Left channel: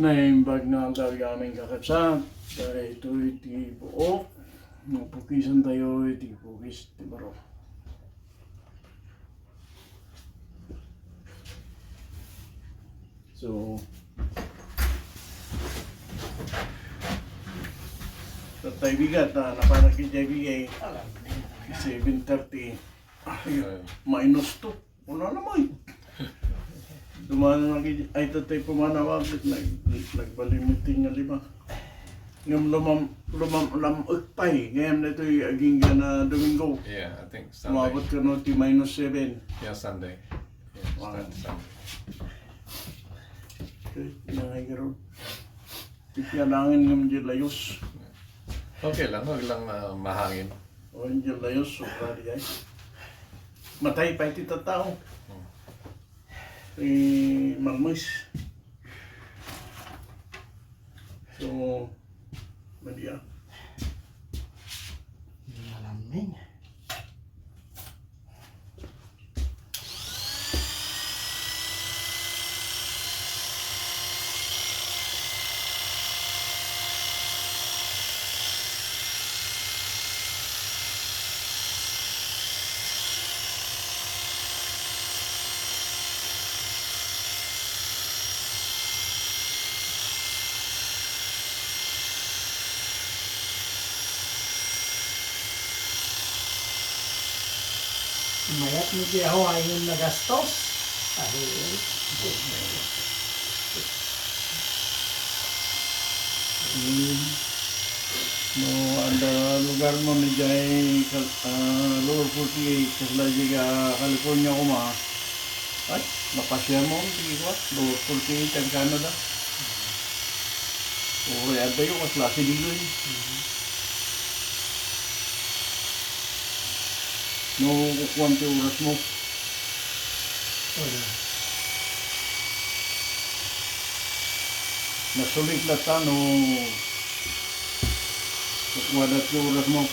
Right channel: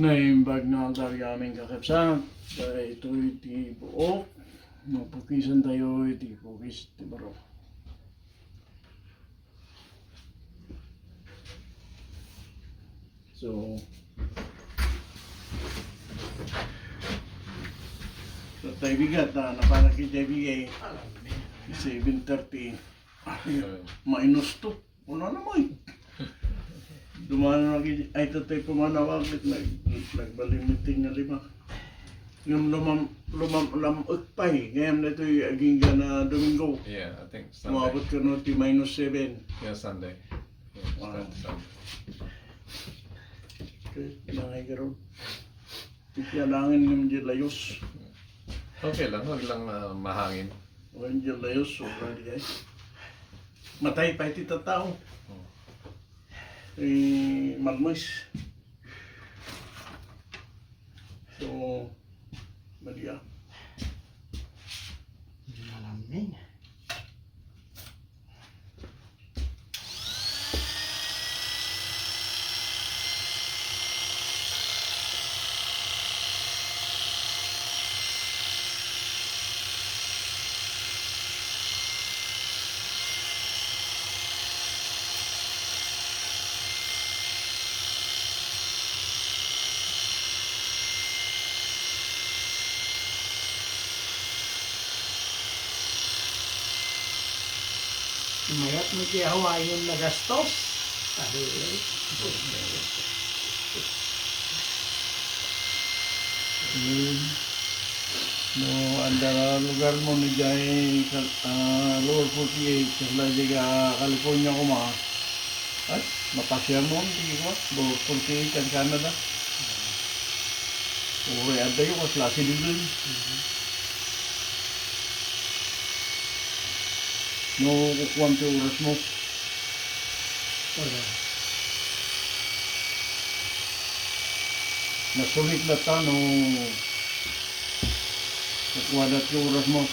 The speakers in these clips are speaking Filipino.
Naimbag na ang aming kakatsa. Dahil ito'y di buok. Pukisan tayo, di pukis, di baro. So, tayo bigat na napanag kita bigay 7:30 minus 2. Wala naman. Dumaan na ay tatay pumanawag nagbalimuting na 5. Yung lamagpay, ngayon na ito'y aging ka na Domingo. Yeah, I think Sunday. Umabot ka na ito -7. Yeah, Sunday. Yeah, start Sunday. Okay, pinangay ka ron. Kailangan yung dyan layos. Okay lang, huwag lang mahangin. O yung dyan layos, sobra di ay. Matay pa iti tao. Malmois. So, Maria. Malamig. Mayat mo kaya Hawaii yung nagastos. No, andara lugar mo medjay lower 48 kasi California ko ma. At napasyan mo diba? Lower 48 ang Canada. O kaya dayo ko klase dito. No, kuwante oras mo. Nasulit na ta no kuwadat yung oras mo.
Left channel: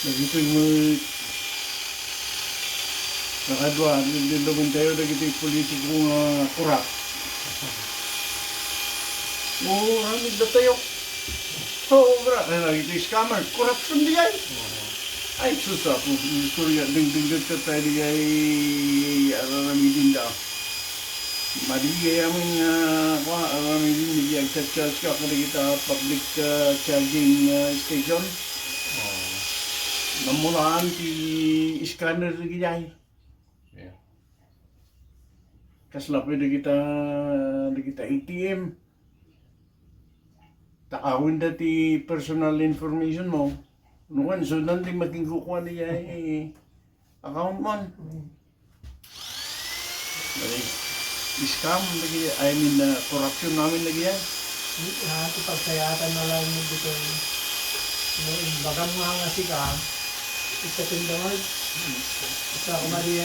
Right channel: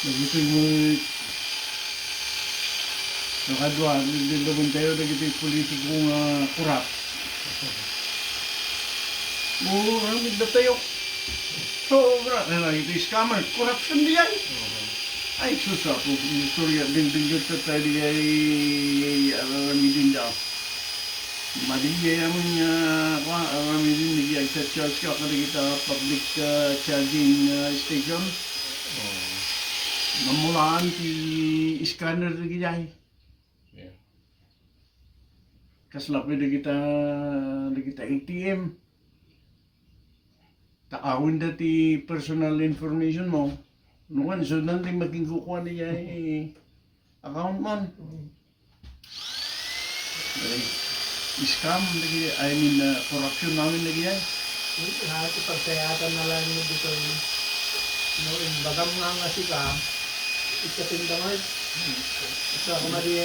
Nagito yung nakadwa, nililabong tayo na ito yung politiko nga kurap. Oo, ramid ba tayo? Oo, bra. Ito yung scammer. Corruption di yan. Ay, susa po. Istorya, ding-ding ka tayo di ay aramidin da. Madigay amin aramidin di ay charge ka kada kita public charging station. Namulaan ti scanner di gijay. Yeah. Kasla pwede kita ATM. Taawin dati personal information mo. Nukan, so nanti maging kukuha niya account mo. Scam lagi, corruption namin lagi yan. Ito pagsayatan na lang mo dito. Bagang mga sika. Ikatindamay. Isa ko mali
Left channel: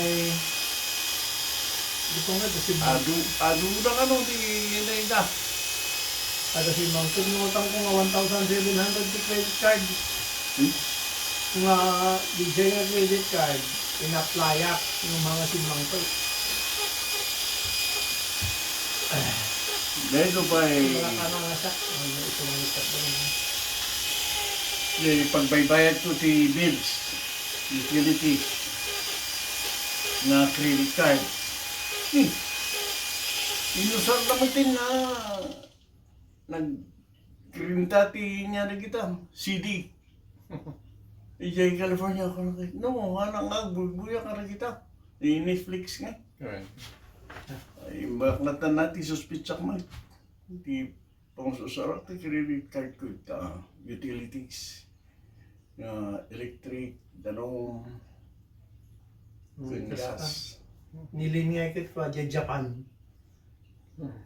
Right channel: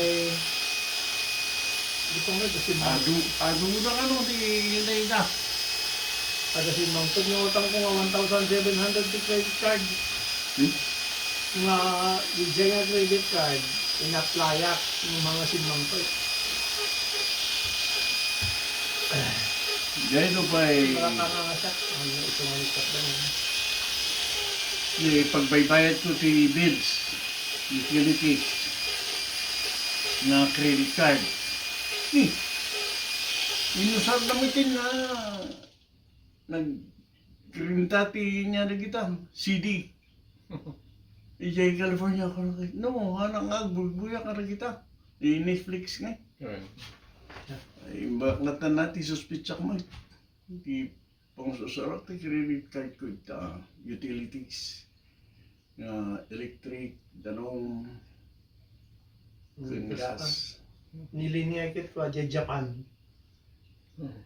dito nga ito si Adu ba ano di nainda? Ada si Mountain yung utang ko nga 1,700 to credit card. Nga DJ nga credit card, ina-applyak yung mga si Mountain. Dahil ito pa Wala ka nga nga siya. Ito nga ikat ba naman. Pagbaybayad ko si bills, utility, nga credit card. Inusar naman nga nag-krintati niya na kita, CD. Ijay California ko na kita. No, hanang agbuya ka na kita. Netflix nga. Right. Ay, baklatan natin suspitsak mo. Di pang susarak na credit card ko ita. Utilities. Electric, danong, gas. Nilinya ko Japan.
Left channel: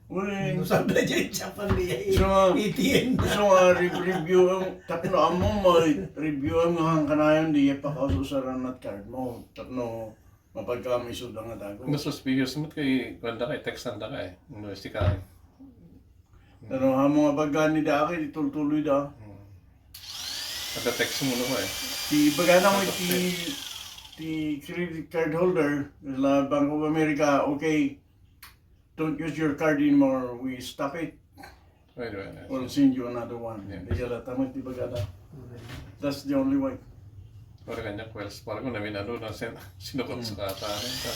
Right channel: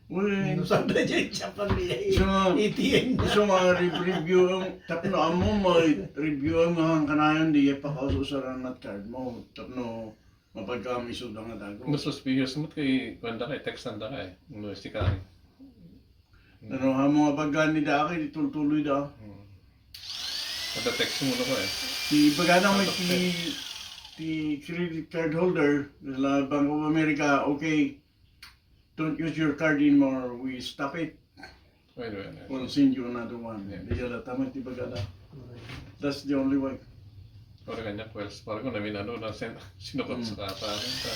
Uy, Nusap na dyan siya pang So, ATM na. so review ang tapno amo mo review ang mga kanayon di pa kaususaran at card mo tapno mapagkamisod ang dago. Nasuspicious mo kay kwanda kay text nanda kay. No si kay. Pero ha mga bagani da kay tuloy da. Kada text mo na ko eh. Di bagana mo ti credit card holder la Bank of America, okay, don't use your card anymore, we stop it. Wait. We'll send you another one. Yeah. Di jala tama ti bagada. That's the only way. Ora kanya quells para ko na minano na sinukot sa kataran ta.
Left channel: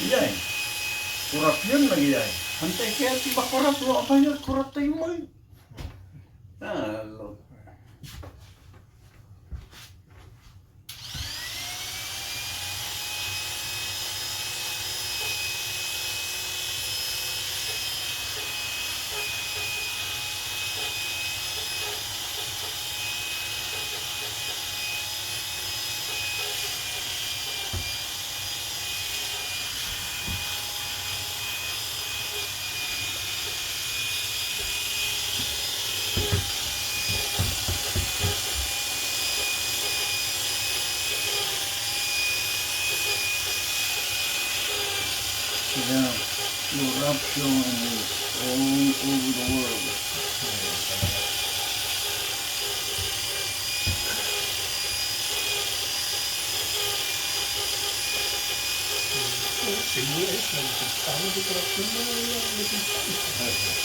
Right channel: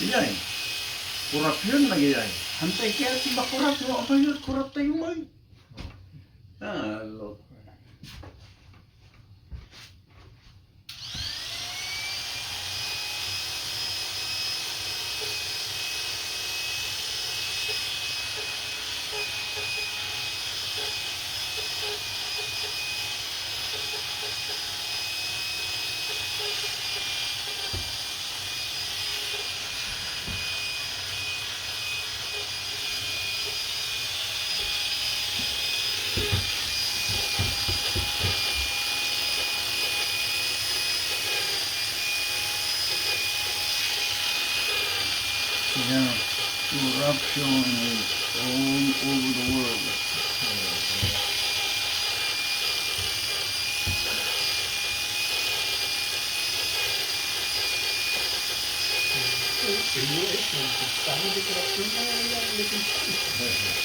Iyay. Kurap yun lagi ay. Hantay kaya ti ba kurap mo apa yun kurap tayo mo. Ah, lo. Yeah, corruption is all over the world. Siguro eh, tama di corruption na nangyayari.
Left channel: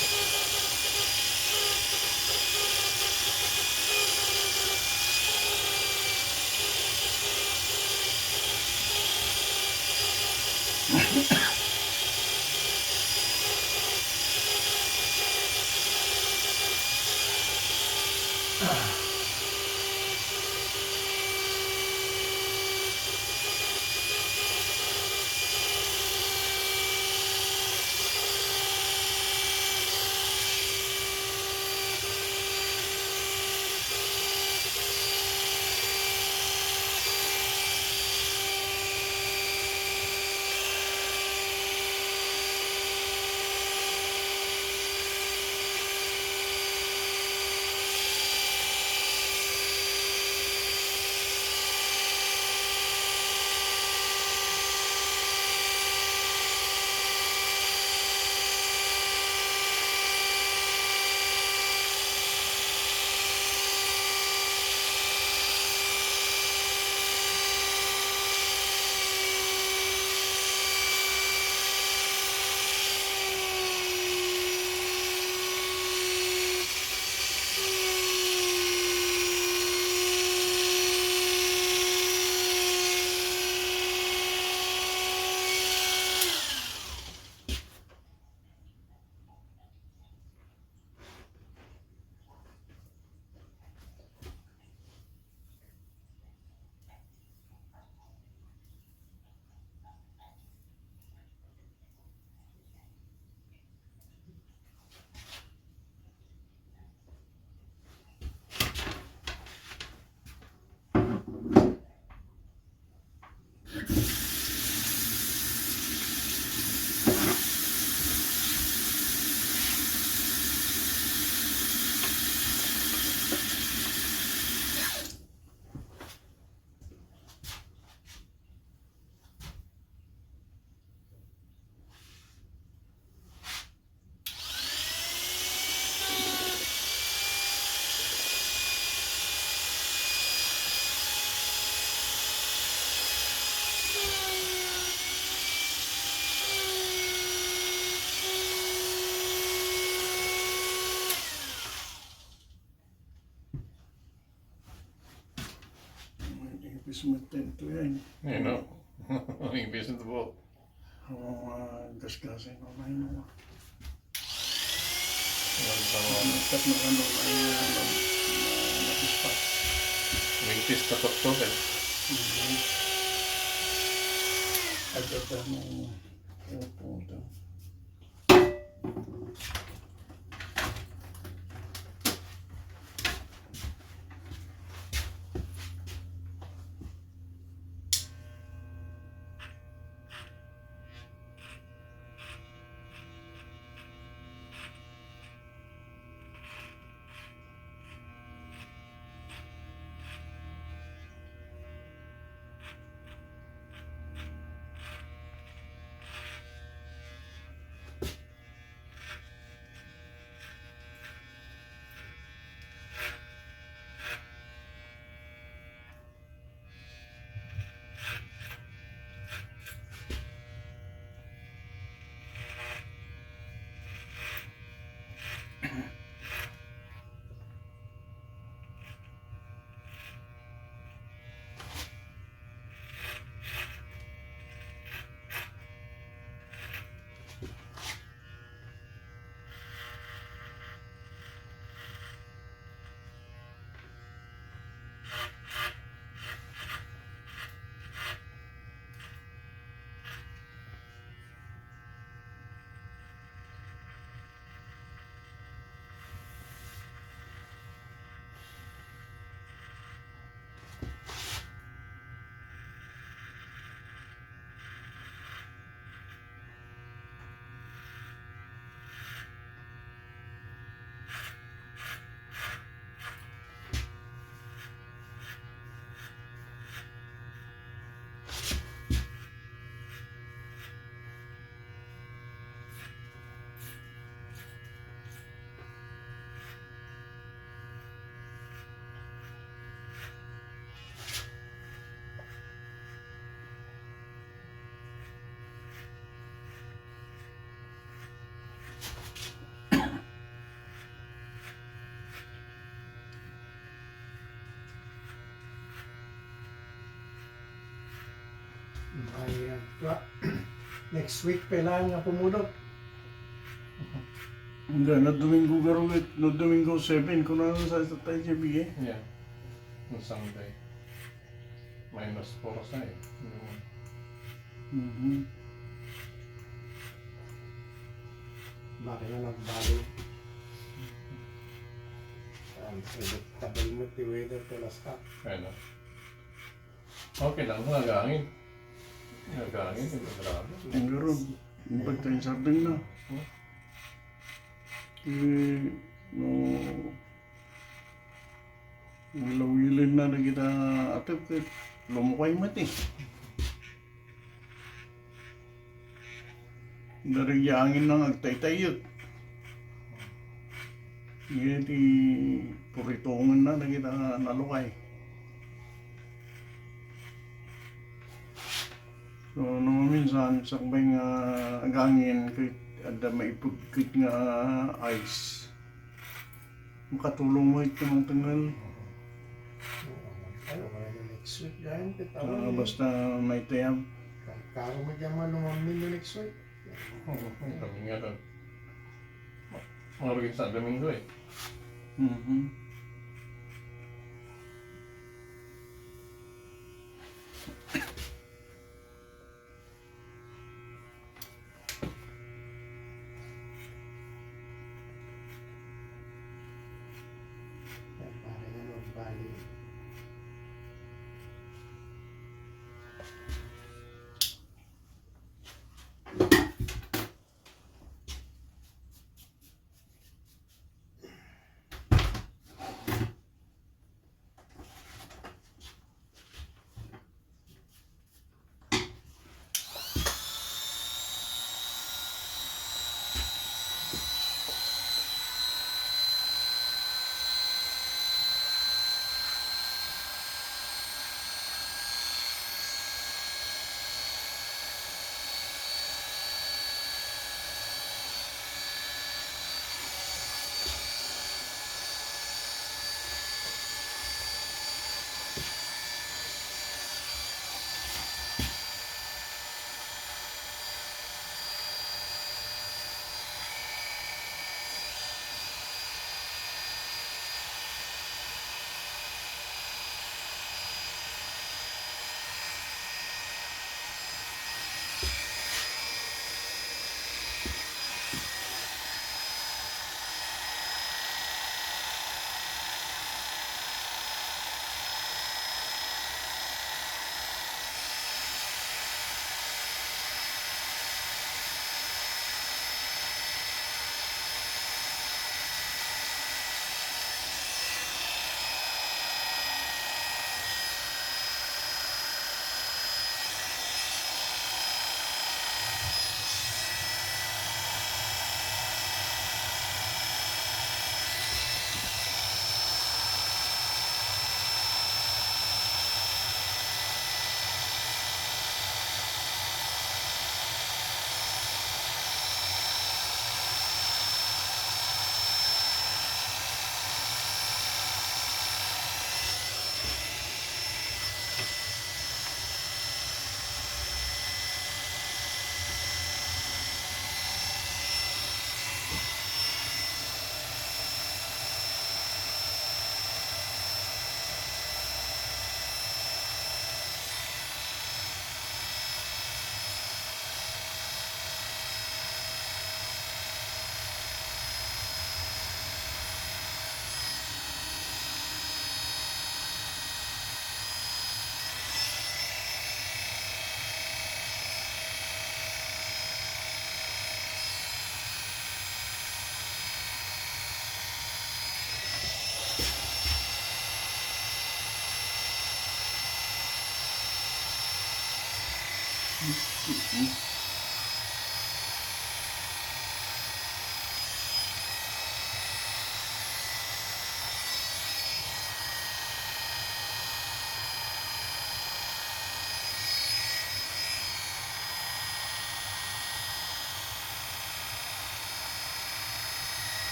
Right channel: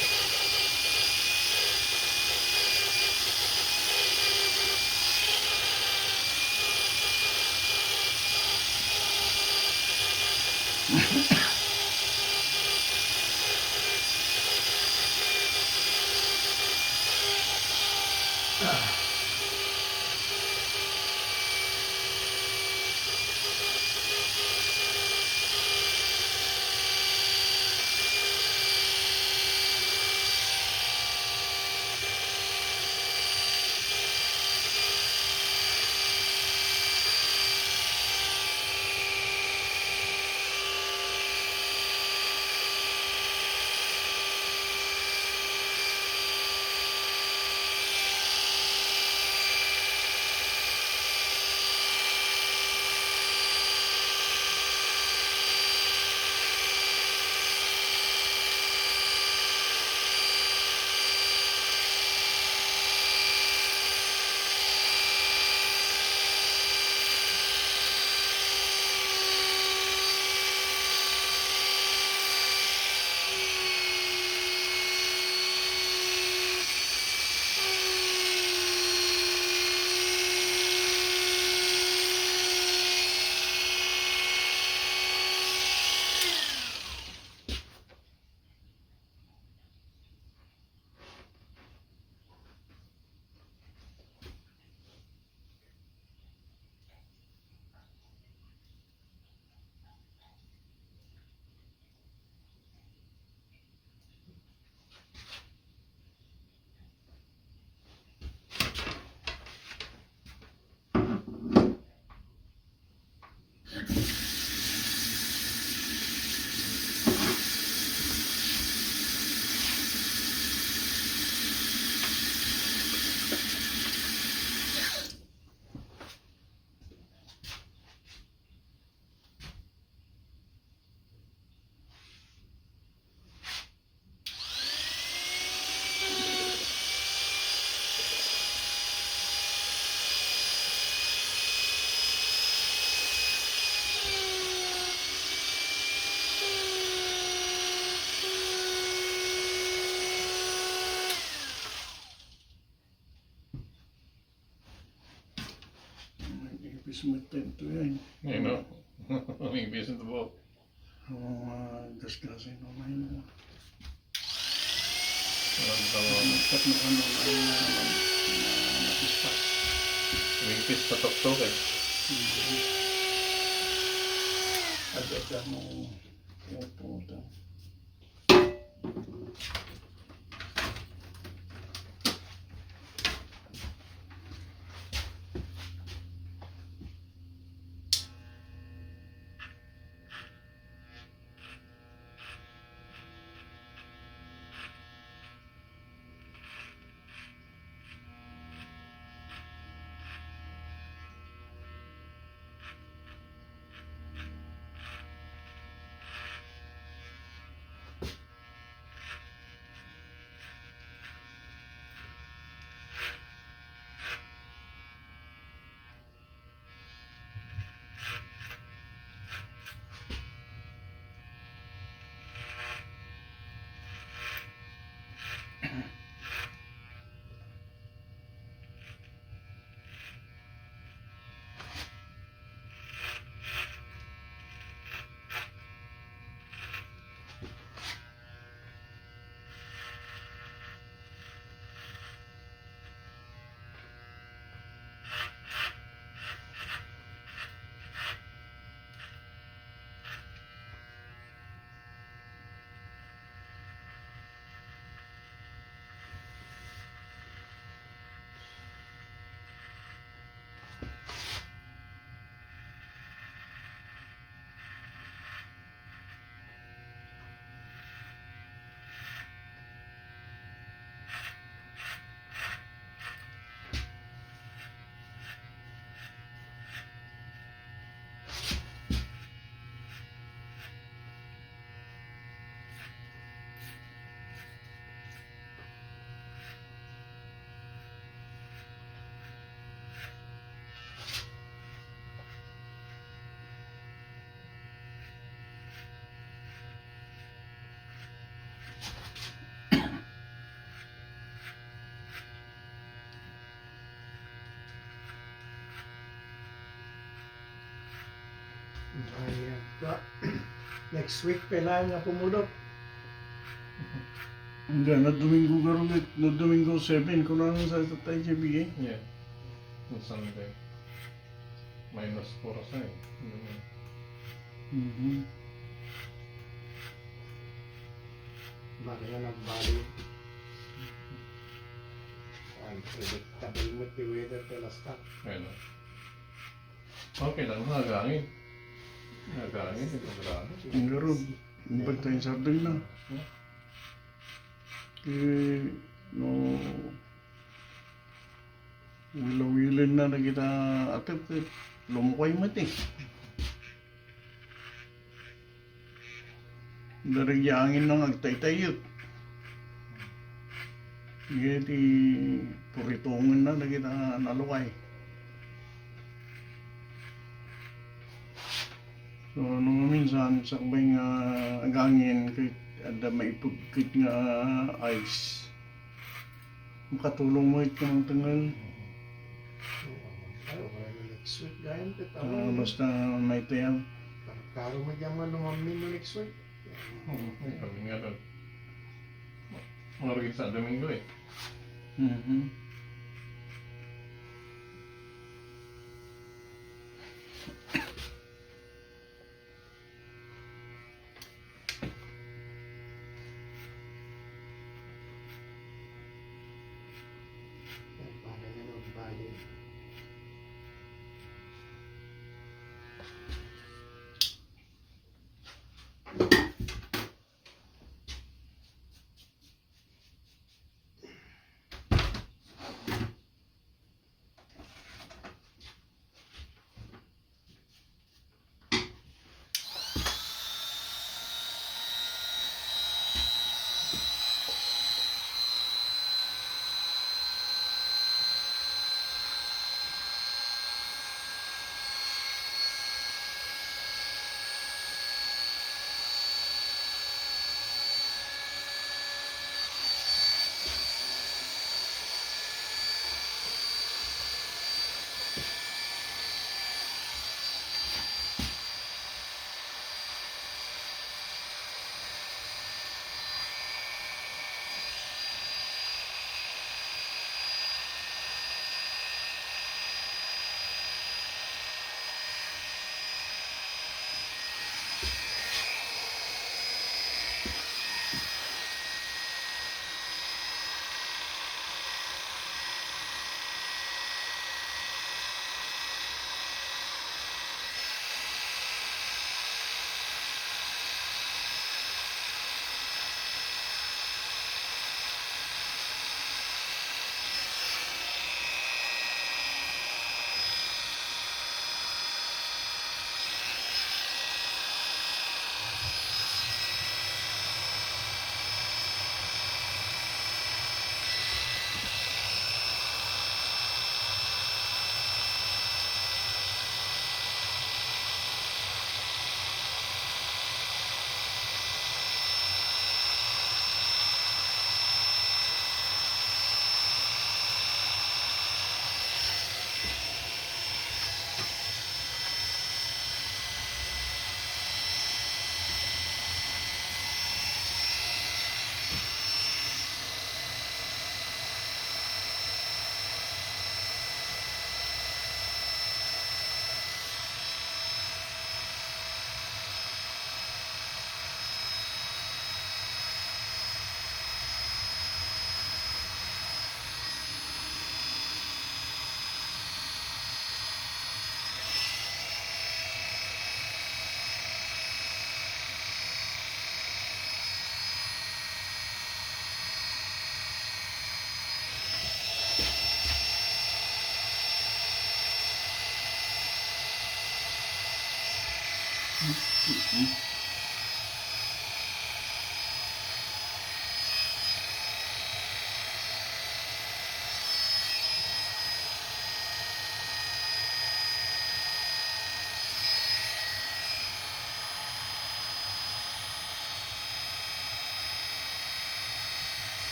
Bismutin to yan. You know. Ang business mo. Oo, gasgasin ko na yun. Ang Tat na ano napispat. wingfish patok-tok eh. Agad mo pumunta. Ayan. Next week, kailangan nga pumulot. Hindi, na Domingo garulit, no Domingo 7, kung ano sa tayo siya Yeah. On Sunday. -4 sa eh. Bakit na nagbali? Unpredictable mo the weather to last time. Kaya na. Okay lang, nagangin. Nagangin, ito grabe. Ang garoon, yung bagta yung sardoy na. No, lawilin na kita atip, lumukay mati. Darigyaangin na agtay-tayot. Hindi puritungan na kita nalukay. So, nung minsan, sakbay nga agangin, kahit ada maipugkit nga ice. Makatulong mo ito ng tangal. Next week, dahil Basta may tayang. karo mo dyan malumamin mo next week. Kami nga doon. Mga sa Domingo eh. Bakit na nagbali?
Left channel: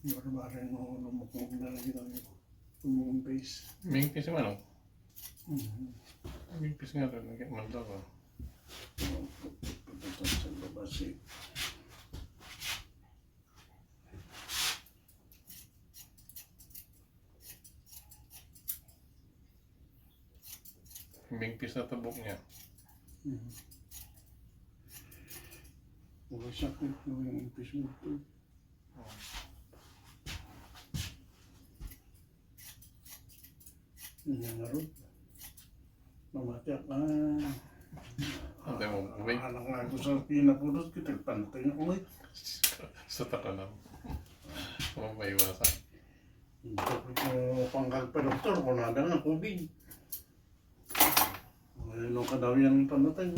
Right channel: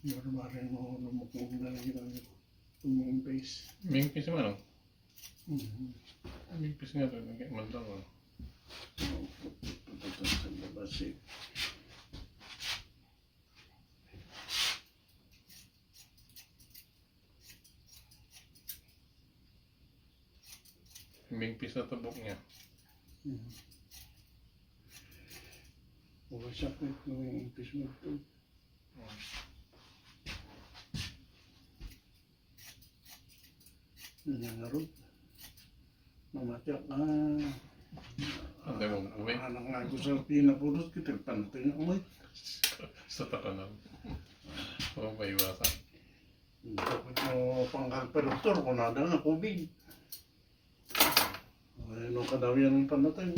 Barbarin mo lumukong na lagi lang yung base. Mingpis yung ano? Mm-hmm. Mingpis nga doon. Nagmanda ko. Pupunta sa labas eh. Mingpis na tabok niya. Mm-hmm. Wala sakit yung impis mo ito. Nangarot. Mamatyak ka. Antay mo, uwi. Anak nga ako sa pinapulot kita. Pantay na uwi. Sa takanan. Huwag maiwasan. Bakit mo panggal pa doktor kung nada nga COVID. Ano ka daw yan pamatay.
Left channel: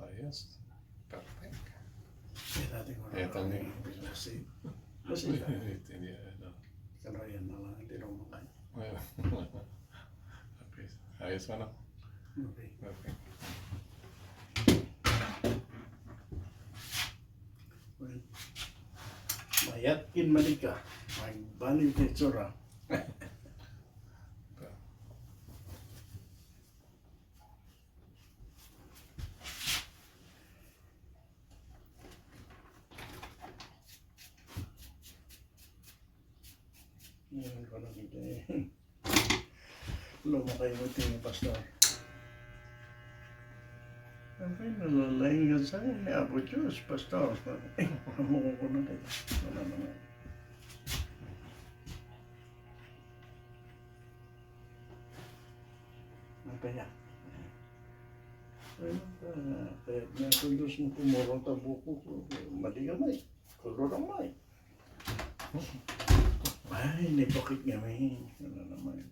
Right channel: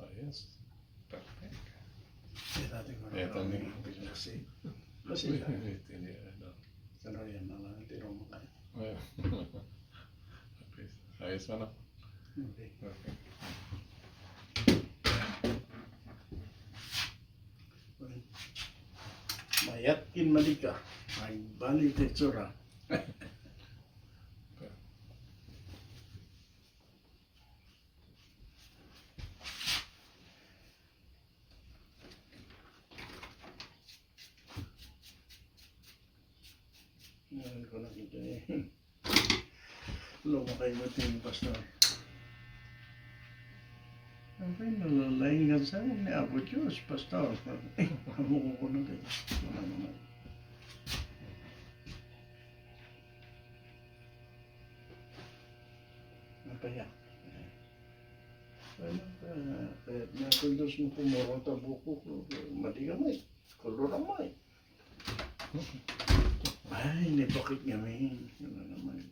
Ayos. Perfect. Dati ko Ito na ni. kasi. Uy, Kasi hindi ano. pero yan na lang. Hindi rin makaya. Ayos mo na. Okay. Perfect. Well, mayatkin malika. Magbalik na itsura. Ngayon ko nakita eh. Lumakay mo ito yung pastor. Ang pinalalaing nga sa'yo ni Apo Diyos, pastor. Eh, amo ko na rin. Wala naman. Napaya. Kaya nakundos mo pumurong tabuko ko. Mali ka may. Kulurang may. Ay, nipakit nga may. Wala naman.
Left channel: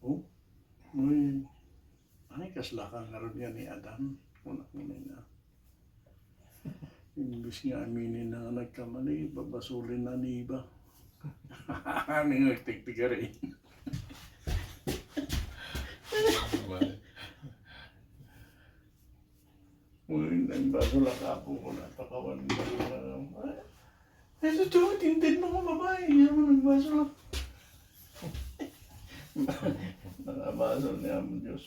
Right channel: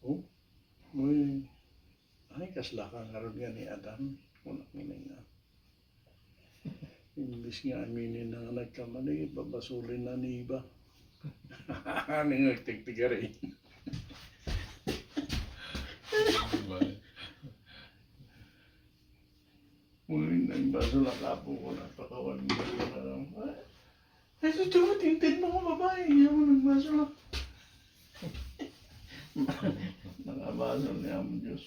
Oh, may. Ay, kaslaka nga rin nga ni Adam. Unak mo na. Imbis nga aminin na nga nagkamali, babasulin na ni iba. Ano yung nagtigtiga rin? Muling nagbaso na kapo ko, napakawag mo na. Ay, ito yung tintin mga babae, hindi mo nagbaso na. Nakabaso niya mo Diyos.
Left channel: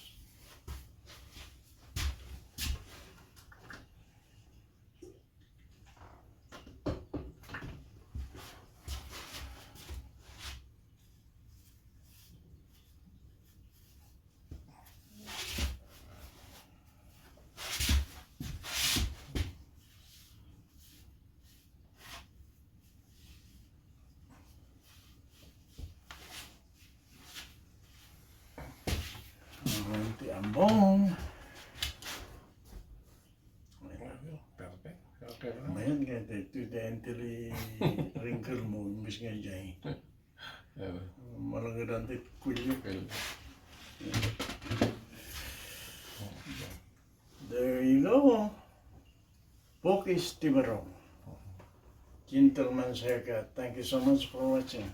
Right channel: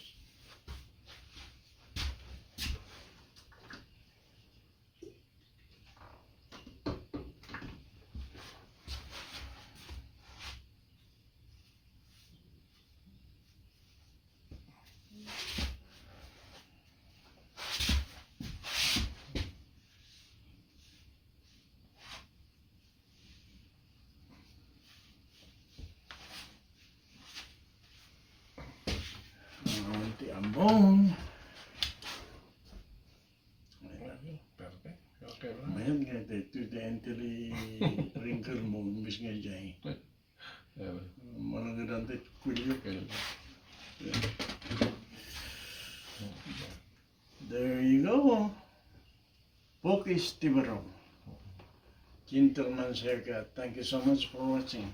Ti ambong. Perfect. Okay bro. Mayan nga dito dentally wrinkle mo, imbis nga dyan. Malagyan dito kulyo. There you go. Pukis Baro. Gentleman's haircut. Thank you so much for watching.